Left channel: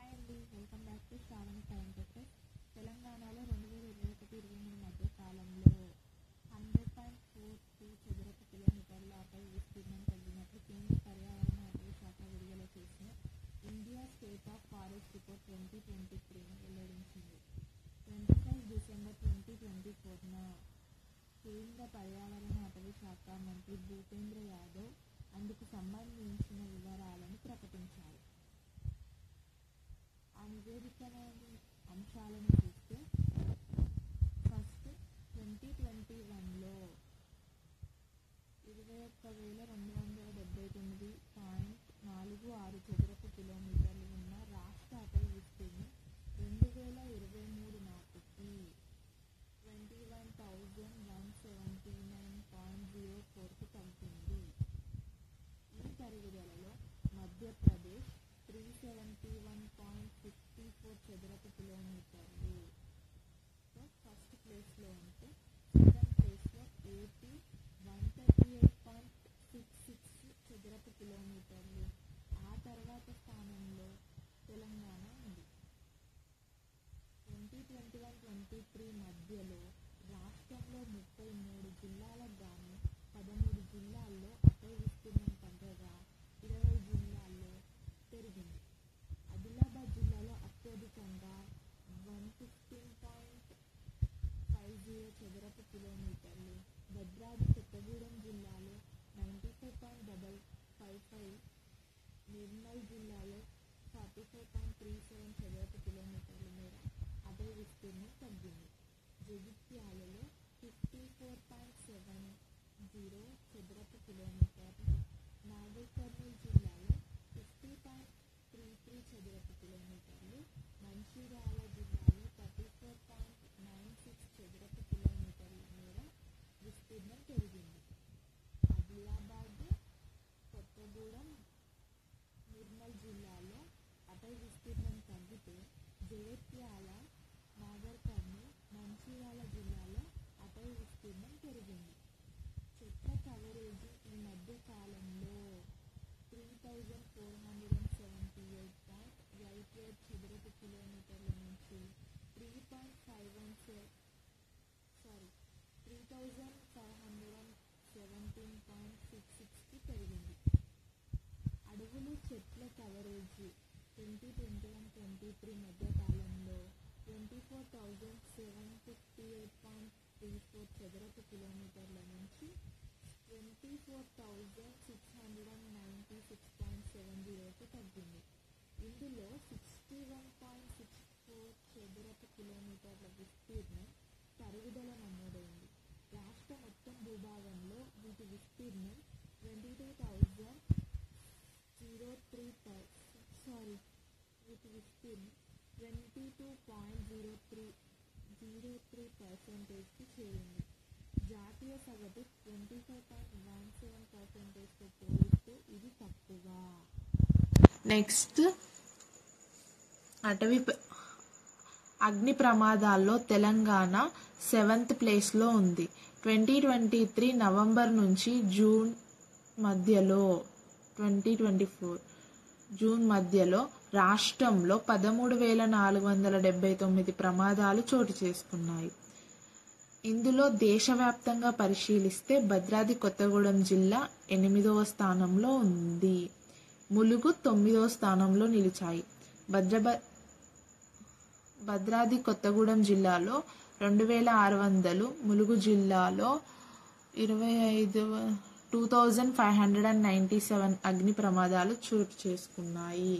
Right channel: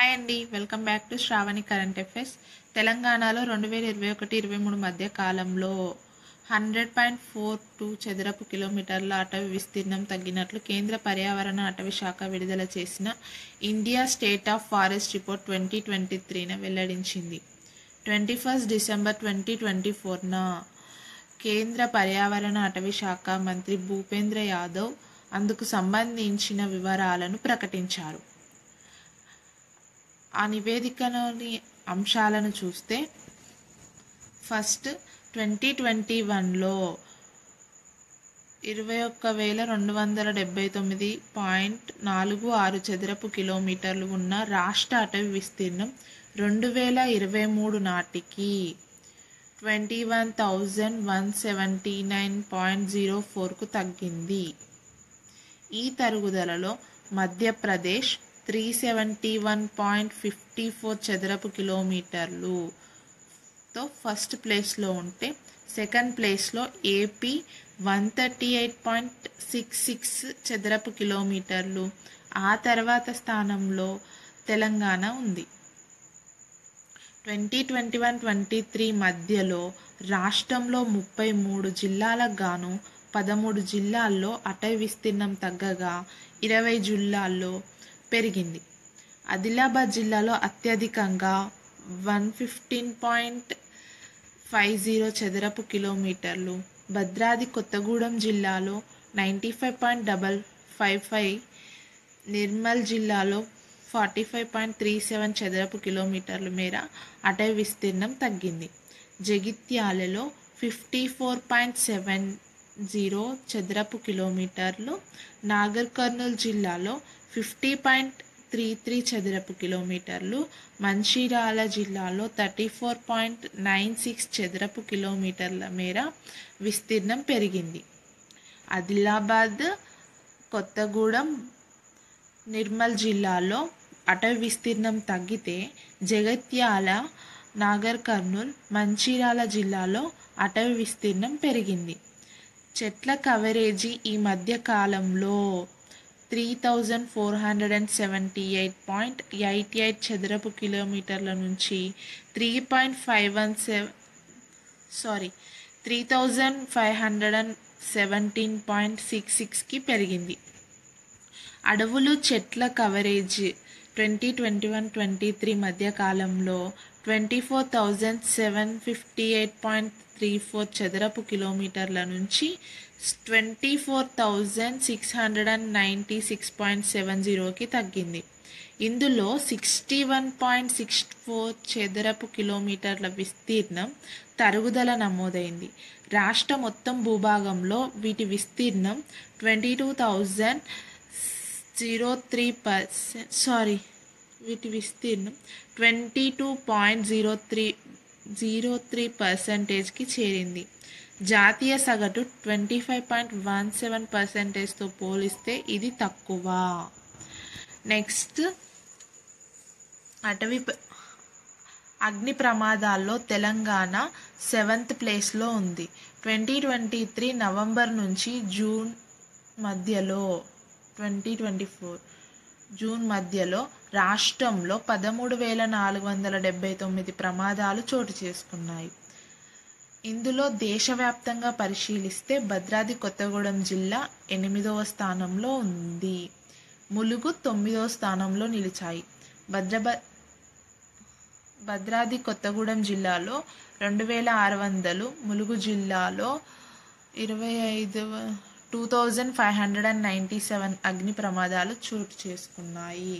Hi అండి, welcome back to Shravani current affairs. తెలంగాణలో 2021-23 మధ్య కాలంలో 100.42 చదరపు కిలోమీటర్ల అటవీ విస్తీర్ణం తగ్గినట్లు కేంద్ర పర్యావరణ అటవీ శాఖ విడుదల చేసిన India state of forest report 2023న వెల్లడించింది. 21 డిసెంబర్ 2024న కేంద్ర పర్యావరణ అటవీ శాఖ మంత్రి భూపేంద్ర యాదవ్ అందుకు సంబంధించిన వివరాలను ప్రకటించారు. ఆ నివేదికలోని అంశాలను చూస్తే, ఫస్ట్ 2021లో 21,279.46 చదరపు కిలోమీటర్లు ఉన్న రాష్ట్ర అటవీ విస్తీర్ణం 2023 నాటికి 21,179.04కు తగ్గింది. ఈ తరుగుదలలో మధ్యప్రదేశ్ 371.54 చదరపు కిలోమీటర్లుతో ఫస్ట్ ప్లేస్లో ఉంటే, సెకండ్ ప్లేస్లో ఏపీ 138.66 చదరపు కిలోమీటర్లు, ఆ తర్వాత స్థానంలో తెలంగాణ ఉంది. 2021-23 మధ్యలో రాష్ట్రంలో 33 జిల్లాలకు గాను 13 జిల్లాల్లో అటవీ విస్తీర్ణం తగ్గగా 20 జిల్లాల్లో పెరిగింది. ఆదిలాబాద్ జిల్లాలో అత్యధికంగా 115.50 చదరపు కిలోమీటర్లు, భద్రాద్రి కొత్తగూడెం జిల్లాలో 95.55, నిర్మల్ జిల్లాలో 45.37 చదరపు కిలోమీటర్ల మేర అటవీ విస్తీర్ణం తగ్గింది. జగిత్యాలలో 54.70 చదరపు కిలోమీటర్లు, నాగర్ కర్నూల్ జిల్లాలో 50.33 చదరపు కిలోమీటర్లు, మంచిర్యాల జిల్లాలో 34.96 చదరపు కిలోమీటర్ల మేర విస్తీర్ణం పెరిగింది. ఆదిలాబాద్, కొత్తగూడెం, నిర్మల్ జిల్లాలో అటవీ విస్తీర్ణం తగ్గితే, జగిత్యాల, నాగర్ కర్నూల్, మంచిర్యాల జిల్లాలో అటవీ విస్తీర్ణం పెరిగింది. చెట్ల కవరేజీ ఈ మధ్య కాలంలో 3,478.88 చదరపు కిలోమీటర్ల నుంచి 3,517.66కి పెరిగింది. అడవులు చెట్ల కవరేజ్ 2021-23 మధ్య కాలంలో 24,758.34 చదరపు కిలోమీటర్ల నుంచి 24,696.70కి తగ్గింది. ఇందులో 61.64 చదరపు కిలోమీటర్ల విస్తీర్ణం తరుగుదల నమోదైంది. రాష్ట్ర మొత్తం భూభాగంలో వీటి విస్తీర్ణం 22.03%కి చేరింది. జాతీయ సగటు 25.17%తో పోలిస్తే ఇది తక్కువ. నెక్స్ట్, అగ్ని ప్రమాదాల్లో తెలంగాణ 7th ప్లేస్లో ఉంది. 2023 నవంబర్ నుంచి జూన్ మధ్యలో 2024 జూన్ మధ్యలో రాష్ట్రంలో 13,479 ప్రమాదాలు చోటు చేసుకున్నాయి. ఇందులో దేశవ్యాప్తంగా పరిశీలిస్తే భద్రాద్రి కొత్తగూడెం జిల్లా 8వ స్థానంలో ఉంది. ములుగు 9వ స్థానంలో నిలిచాయి. భద్రాద్రి కొత్తగూడెం జిల్లాలో 2,600, ములుగు జిల్లాలో 2,597 అగ్ని ప్రమాదాలు చోటు చేసుకున్నాయి.